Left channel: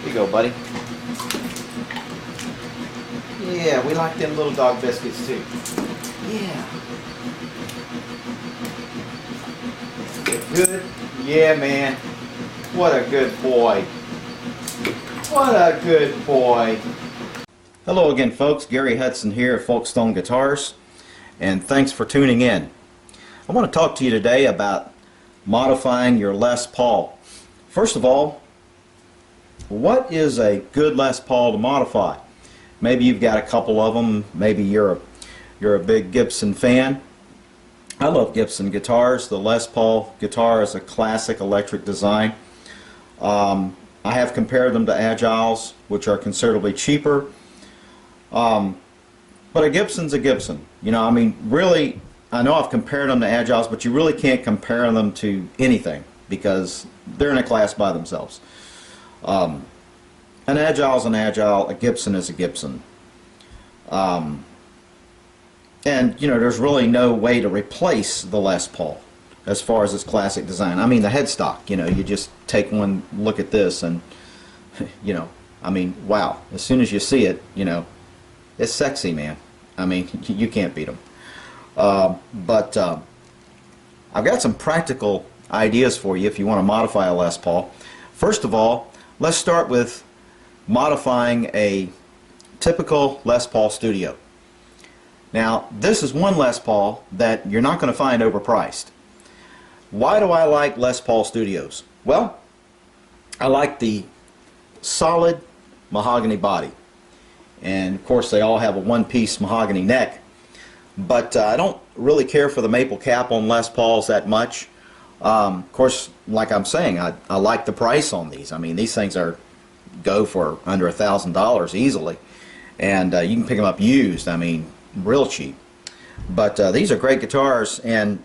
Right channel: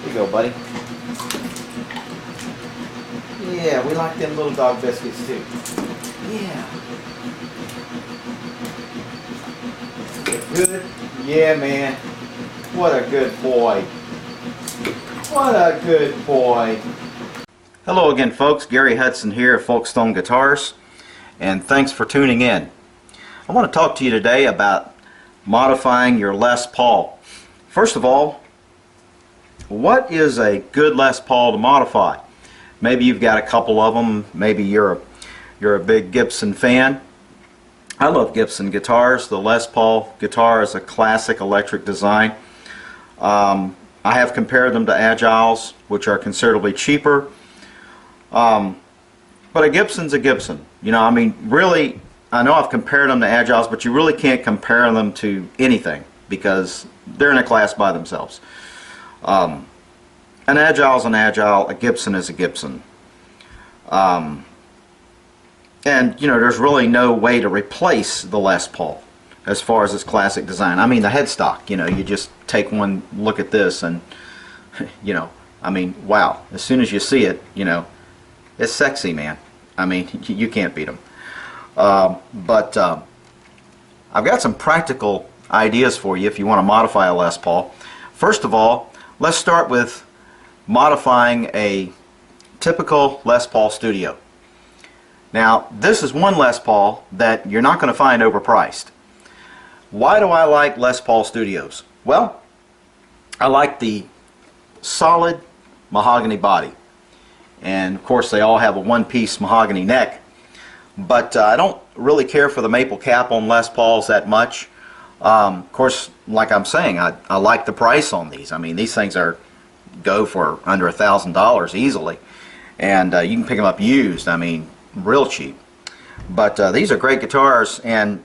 Here you go, buddy. Yeah, we like them little dog biscuits too. Yeah. Good? Yeah, man. What a good boy. What a good boy. Hello again, folks. Gary Hudson here at Folkstone Guitars, and thanks for tuning in. I want to talk to you today about modifying your Les Paul. First of all, what is a good Les Paul to modify? Maybe you've got a couple of them. Maybe you're a big Gibson fan. I love Gibson guitars. The Les Paul guitar is a classic electric design. I have compared them to Agiles, which are considerably cheaper. But a Gibson's a Gibson. You know, I mean, really, I know I've compared them to Agiles, but you really can't compare them to anything because they're in a class by themselves. An Agile's an Agile, a Gibson is a Gibson. And, you know, there's really no way to replace the Les Paul as far as its classic design. I mean, the headstock, you know, you just take one look at this and, you know, I mean, wow. As soon as you see it, you know, it's sexy, man. I mean, you can't beat them. But I've got some practical ideas for you if you want to modify a Les Paul. First of all, let's start with modifying a typical Les Paul Studio. Now, this is one Les Paul that you're not going to find overpriced. Why do I like Les Paul Studios? Well, I like the solid mahogany body. And of course they all have a one-piece mahogany neck. But I don't really care for the maple cap on Les Pauls that much. Of course, like I'm saying, I like the price on these. I mean, these things go for under $1,000 easily. And you can pick them up used, I mean, real cheap. But these are great guitars, and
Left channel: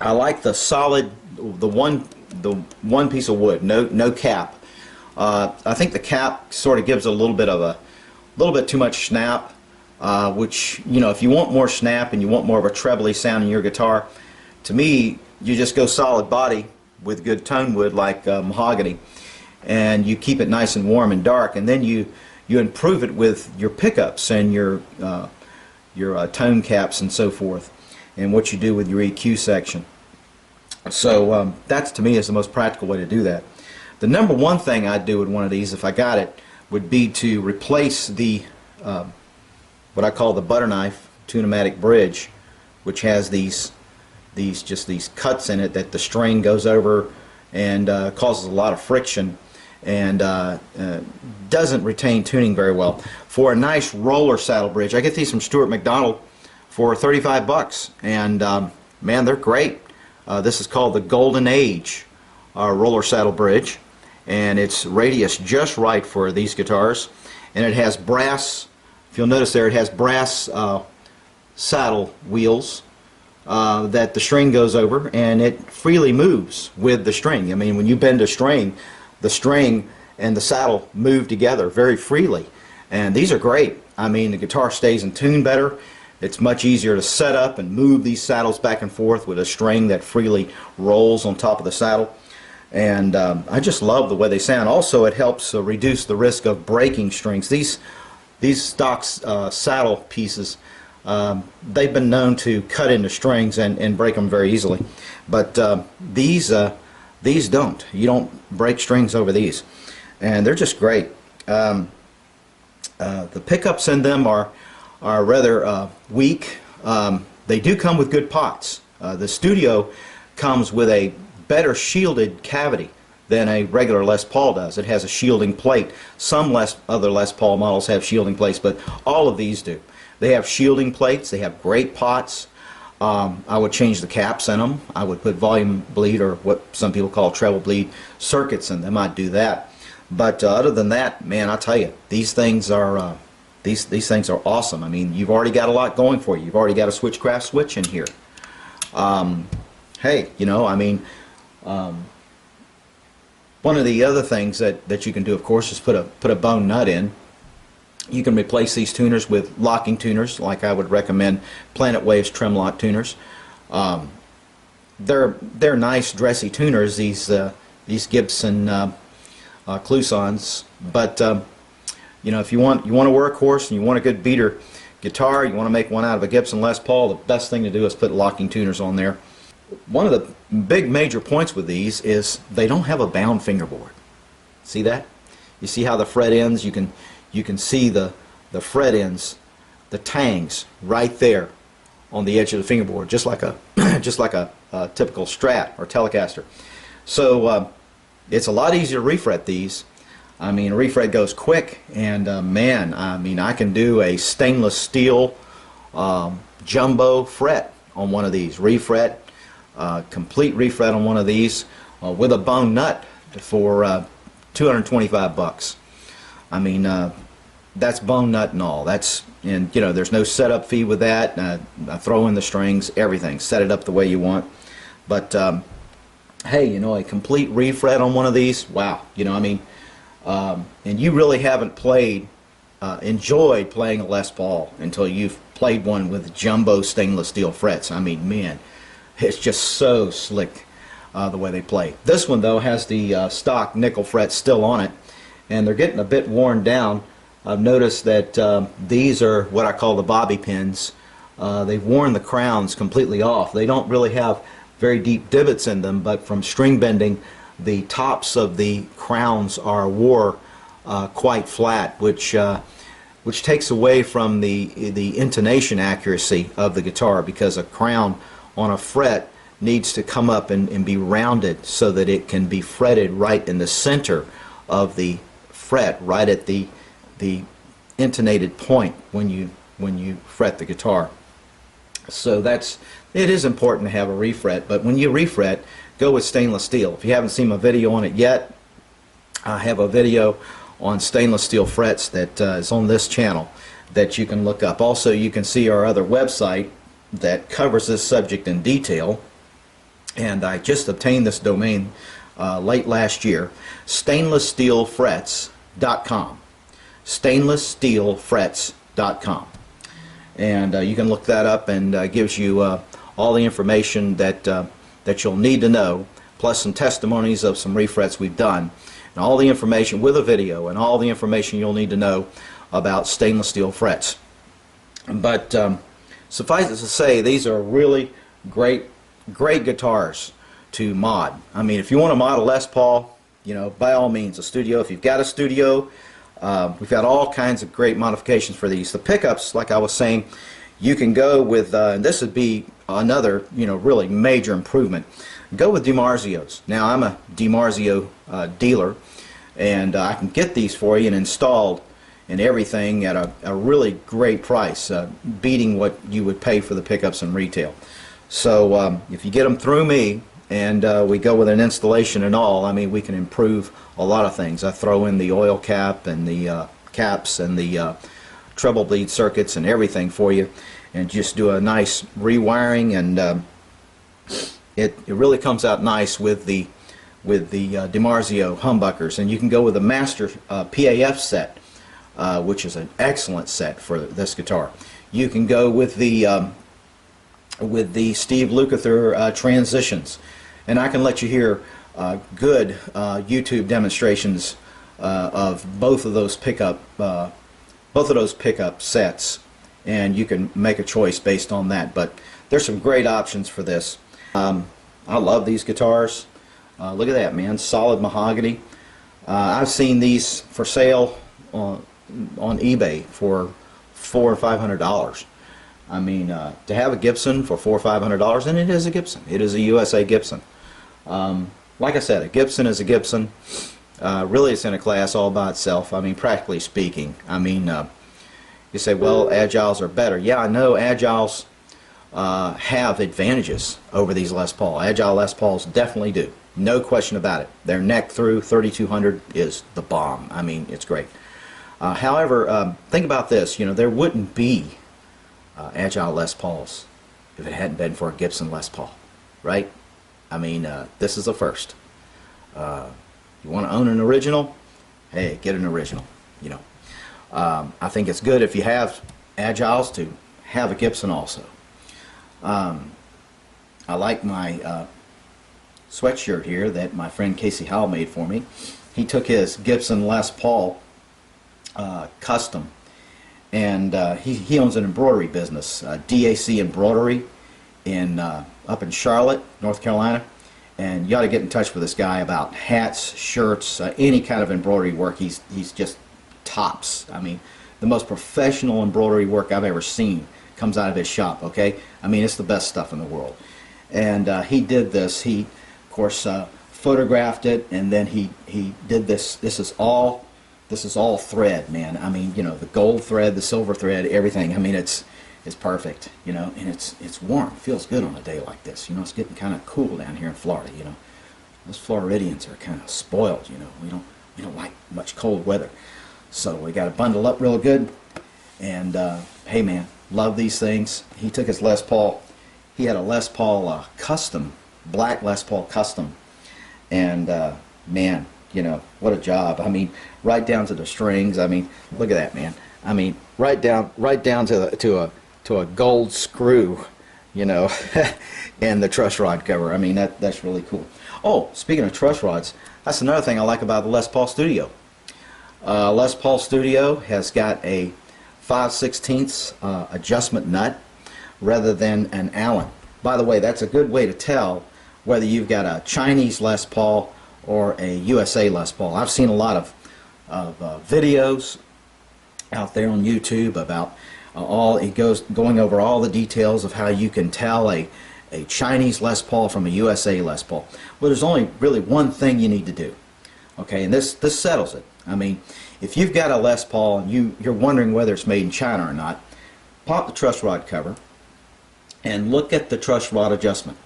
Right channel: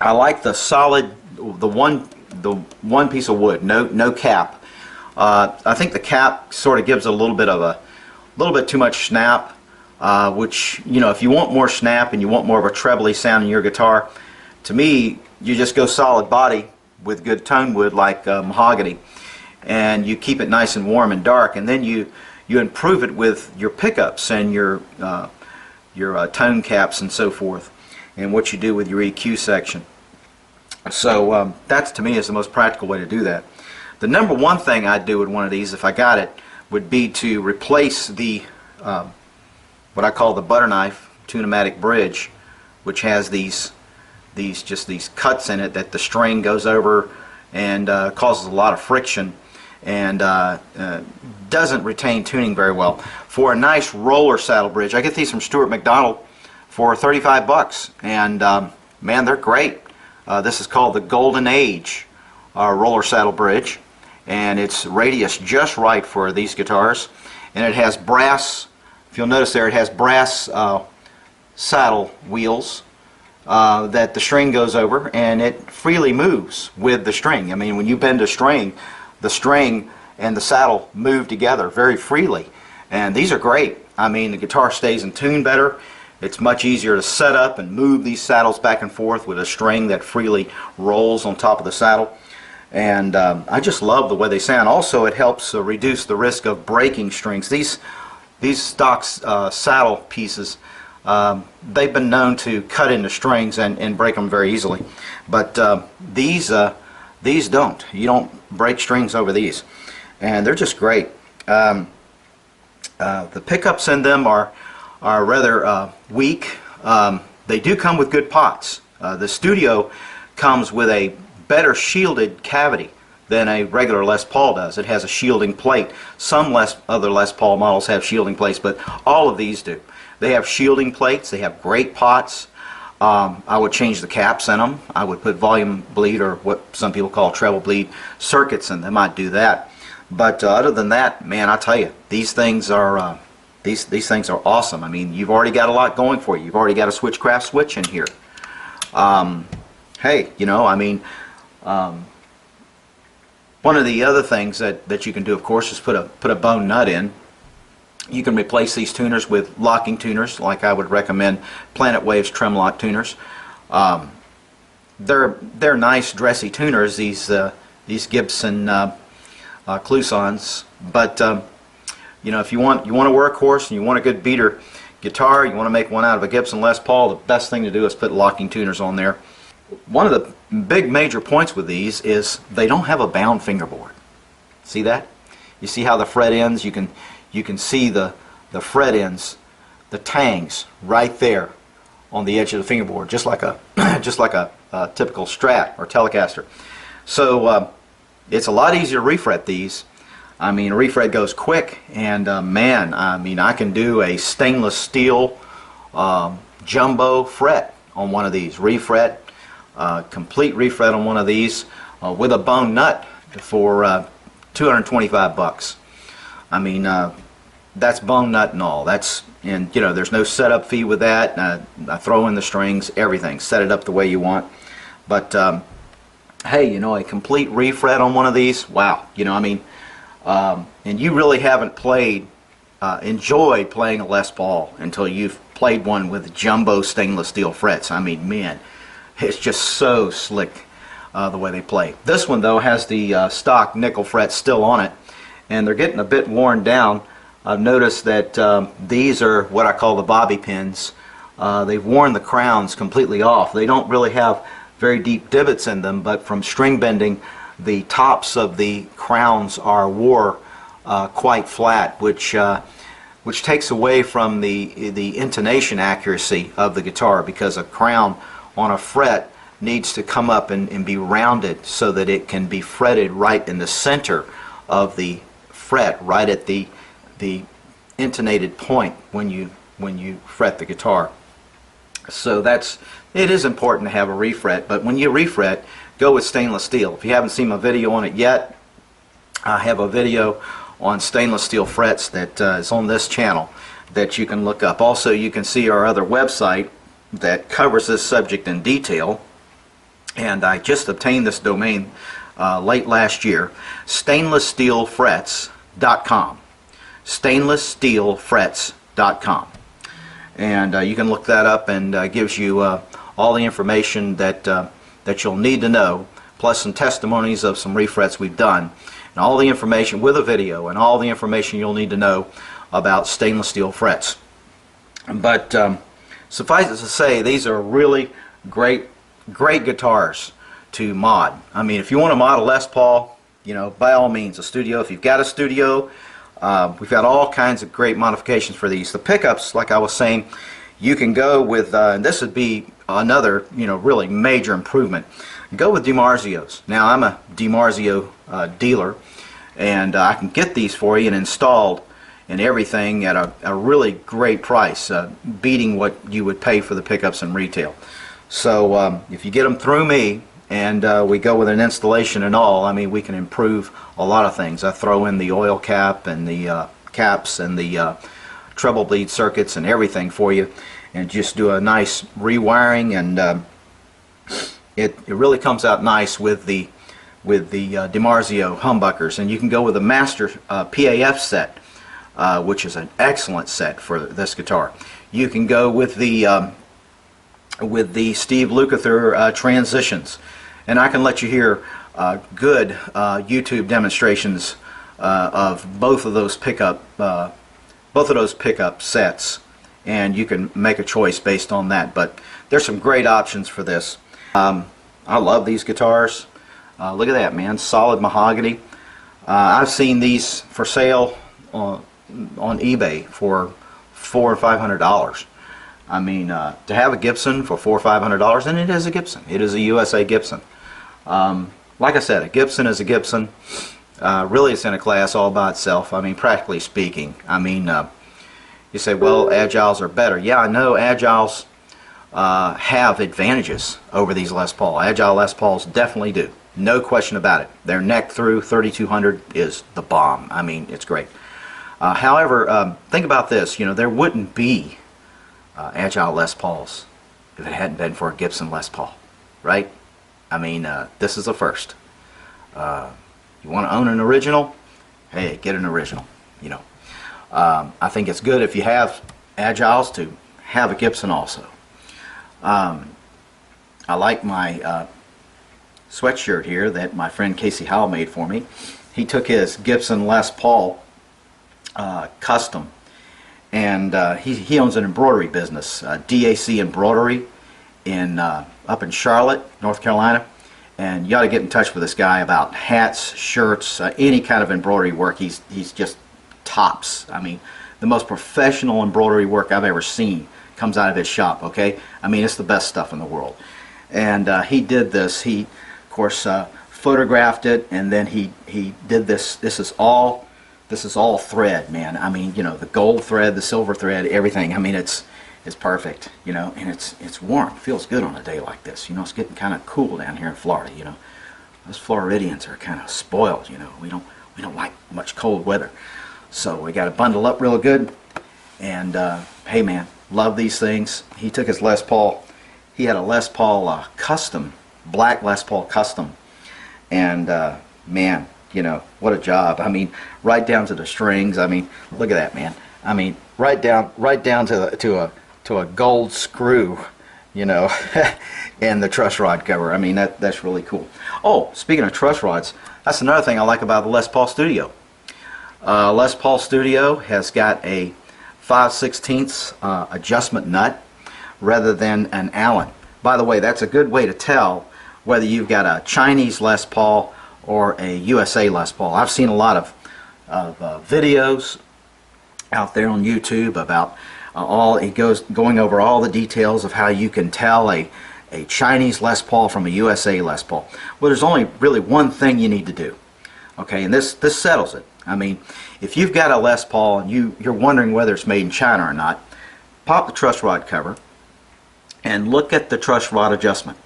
I like the solid, the one piece of wood, no cap. I think the cap sort of gives a little bit too much snap, which, you know, if you want more snap and you want more of a trebly sound in your guitar, to me, you just go solid body with good tone wood like mahogany, and you keep it nice and warm and dark, and then you improve it with your pickups and your tone caps and so forth, and what you do with your EQ section. So that's, to me, is the most practical way to do that. The number one thing I'd do with one of these, if I got it, would be to replace the what I call the butter knife tune-o-matic bridge, which has these cuts in it that the string goes over and causes a lot of friction and doesn't retain tuning very well. For a nice roller saddle bridge, I get these from Stuart McDonald for 35 bucks, and man, they're great. This is called the Golden Age roller saddle bridge, and it's radius just right for these guitars, and it has brass, if you'll notice there, it has brass saddle wheels that the string goes over, and it freely moves with the string. I mean, when you bend a string, the string and the saddle move together very freely, and these are great. I mean, the guitar stays in tune better. It's much easier to set up and move these saddles back and forth with a string that freely rolls on top of the saddle. And I just love the way they sound. Also, it helps reduce the risk of breaking strings. These stock saddle pieces, they've been known to cut into strings and break them very easily. But these don't. You don't break strings over these. And they're just great. The pickups in them are rather weak. They do come with good pots. The Studio comes with a better shielded cavity than a regular Les Paul does. It has a shielding plate. Some other Les Paul models have shielding plates, but all of these do. They have shielding plates. They have great pots. I would change the caps in them. I would put volume bleed, or what some people call treble bleed, circuits in them. I'd do that. But other than that, man, I tell you, these things are these things are awesome. I mean, you've already got a lot going for you. You've already got a Switchcraft switch in here. Hey, you know, I mean, one of the other things that you can do, of course, is put a bone nut in. You can replace these tuners with locking tuners, like I would recommend Planet Waves Trim Lock tuners. They're nice, dressy tuners. These Gibson Clousons. But you know, if you want a workhorse and you want a good beater guitar, you want to make one out of a Gibson Les Paul, the best thing to do is put locking tuners on there. One of the big major points with these is they don't have a bound fingerboard. See that? You see how the fret ends? You can see the fret ends, the tangs right there on the edge of the fingerboard, just like a typical Strat or Telecaster. So it's a lot easier to refret these. I mean, a refret goes quick, and man, I mean, I can do a stainless steel jumbo fret on one of these. Refret, complete refret on one of these with a bone nut for 225 bucks. I mean, that's bone nut and all. And you know, there's no setup fee with that. I throw in the strings, everything. Set it up the way you want. But hey, you know, a complete refret on one of these, wow. You know, I mean, and you really haven't enjoyed playing a Les Paul until you've played one with jumbo stainless steel frets. I mean, man, it's just so slick the way they play. This one, though, has the stock nickel frets still on it, and they're getting a bit worn down. I've noticed that these are what I call the bobby pins. They've worn the crowns completely off. They don't really have very deep divots in them, but from string bending, the tops of the crowns are wore quite flat, which takes away from the intonation accuracy of the guitar, because a crown on a fret needs to come up and be rounded so that it can be fretted right in the center of the fret, right at the intonated point when you fret the guitar. So it is important to have a refret, but when you refret, go with stainless steel. If you haven't seen my video on it yet, I have a video on stainless steel frets that is on this channel that you can look up. Also, you can see our other website that covers this subject in detail, and I just obtained this domain late last year, stainlesssteelfrets.com. stainlesssteelfrets.com. And you can look that up, and gives you all the information that you'll need to know, plus some testimonies of some refrets we've done, and all the information with a video, and all the information you'll need to know about stainless steel frets. But suffice it to say, these are really great guitars to mod. I mean, if you want to mod a Les Paul, you know, by all means, a studio. If you've got a studio, we've got all kinds of great modifications for these. The pickups, like I was saying, you can go with, and this would be another, you know, really major improvement. Go with DiMarzios. Now, I'm a DiMarzio dealer, and I can get these for you and installed and everything at a really great price, beating what you would pay for the pickups in retail. So if you get them through me, and we go with an installation and all, I mean, we can improve a lot of things. I throw in the oil cap and the caps and the treble bleed circuits and everything for you, and just do a nice rewiring, and it really comes out nice with the DiMarzio humbuckers. And you can go with a master PAF set, which is an excellent set for this guitar. You can go with the Steve Lukather transitions, and I can let you hear good YouTube demonstrations of both of those pickup sets, and you can make a choice based on that. But there's some great options for this. I love these guitars. Look at that, man, solid mahogany. I've seen these for sale on eBay for $400 or $500. I mean, to have a Gibson for $400 or $500, and it is a Gibson. It is a USA Gibson. Like I said, a Gibson is a Gibson. Really, it's in a class all by itself. I mean, practically speaking. I mean, you say, well, Agiles are better. Yeah, I know Agiles have advantages over these Les Paul. Agile Les Pauls definitely do. No question about it. Their neck through 3200 is the bomb. I mean, it's great. However, think about this. You know, there wouldn't be Agile Les Pauls if it hadn't been for a Gibson Les Paul, right? I mean, this is a first. You want to own an original? Hey, get an original. You know, I think it's good if you have Agiles to have a Gibson also. I like my sweatshirt here that my friend Casey Howell made for me. he took his Gibson Les Paul Custom, and he owns an embroidery business, DAC Embroidery, up in Charlotte, North Carolina. And you ought to get in touch with this guy about hats, shirts, any kind of embroidery work. He's just tops. I mean, the most professional embroidery work I've ever seen comes out of his shop, okay? I mean, it's the best stuff in the world. And he did this. He, of course, photographed it, and then he did this. This is all thread, man. I mean, you know, the gold thread, the silver thread, everything. I mean, it's perfect, you know, and it's warm. It feels good on a day like this. You know, it's getting kind of cool down here in Florida. You know, us Floridians are kind of spoiled. You know, we don't like much cold weather, so we got to bundle up real good. And hey, man, love these things. He took his Les Paul. He had a Les Paul Custom, black Les Paul Custom, and man, you know, what a job. I mean, right down to the strings. I mean, look at that, man. I mean, right down to a gold screw, you know, and the truss rod cover. I mean, that's really cool. Oh, speaking of truss rods, that's another thing I like about the Les Paul Studio. Les Paul Studio has got a 5/16 adjustment nut rather than an Allen. By the way, that's a good way to tell whether you've got a Chinese Les Paul or a USA Les Paul. I've seen a lot of videos out there on YouTube about going over all the details of how you can tell a Chinese Les Paul from a USA Les Paul. Well, there's only really one thing you need to do, okay, and this settles it. I mean, if you've got a Les Paul and you're wondering whether it's made in China or not, pop the truss rod cover and look at the truss rod adjustment.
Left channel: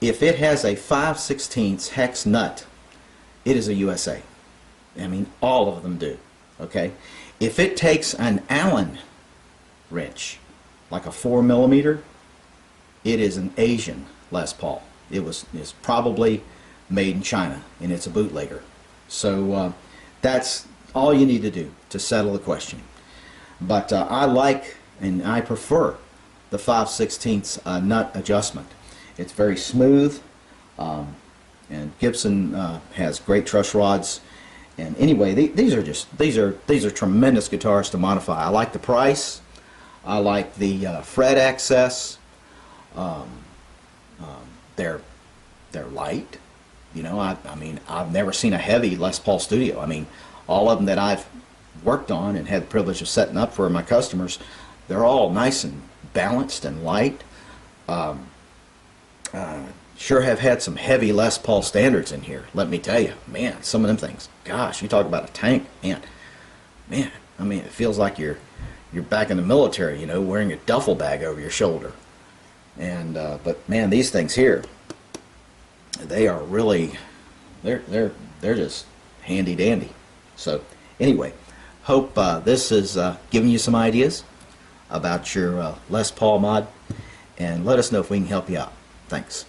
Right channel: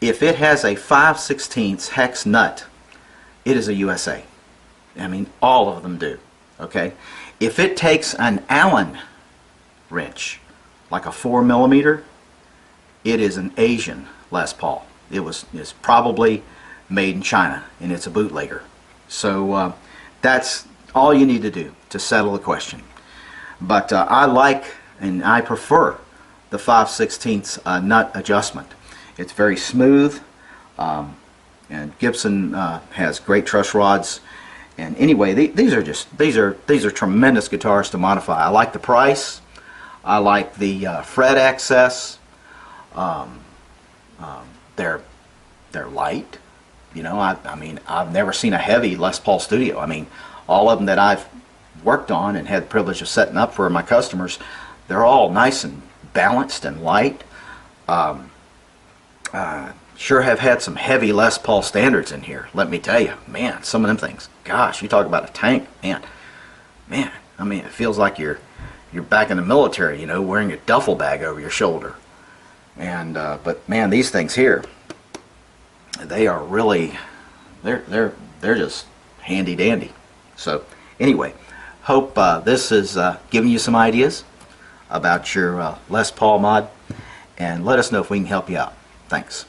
If it has a 5/16 hex nut, it is a USA. I mean, all of them do, okay? If it takes an Allen wrench, like a 4mm, it is an Asian Les Paul. It's probably made in China, and it's a bootlegger. So that's all you need to do to settle the question. But I like and I prefer the 5/16 nut adjustment. It's very smooth, and Gibson has great truss rods. And anyway, these are tremendous guitars to modify. I like the price. I like the fret access. They're light. You know, I mean, I've never seen a heavy Les Paul Studio. I mean, all of them that I've worked on and had the privilege of setting up for my customers, they're all nice and balanced and light. Sure have had some heavy Les Paul standards in here, let me tell you. Man, some of them things, gosh, you talk about a tank, man, I mean, it feels like you're back in the military, you know, wearing a duffel bag over your shoulder. And but man, these things here, they are really, they're just handy dandy. So anyway, hope this is giving you some ideas about your Les Paul mod, and let us know if we can help you out. Thanks.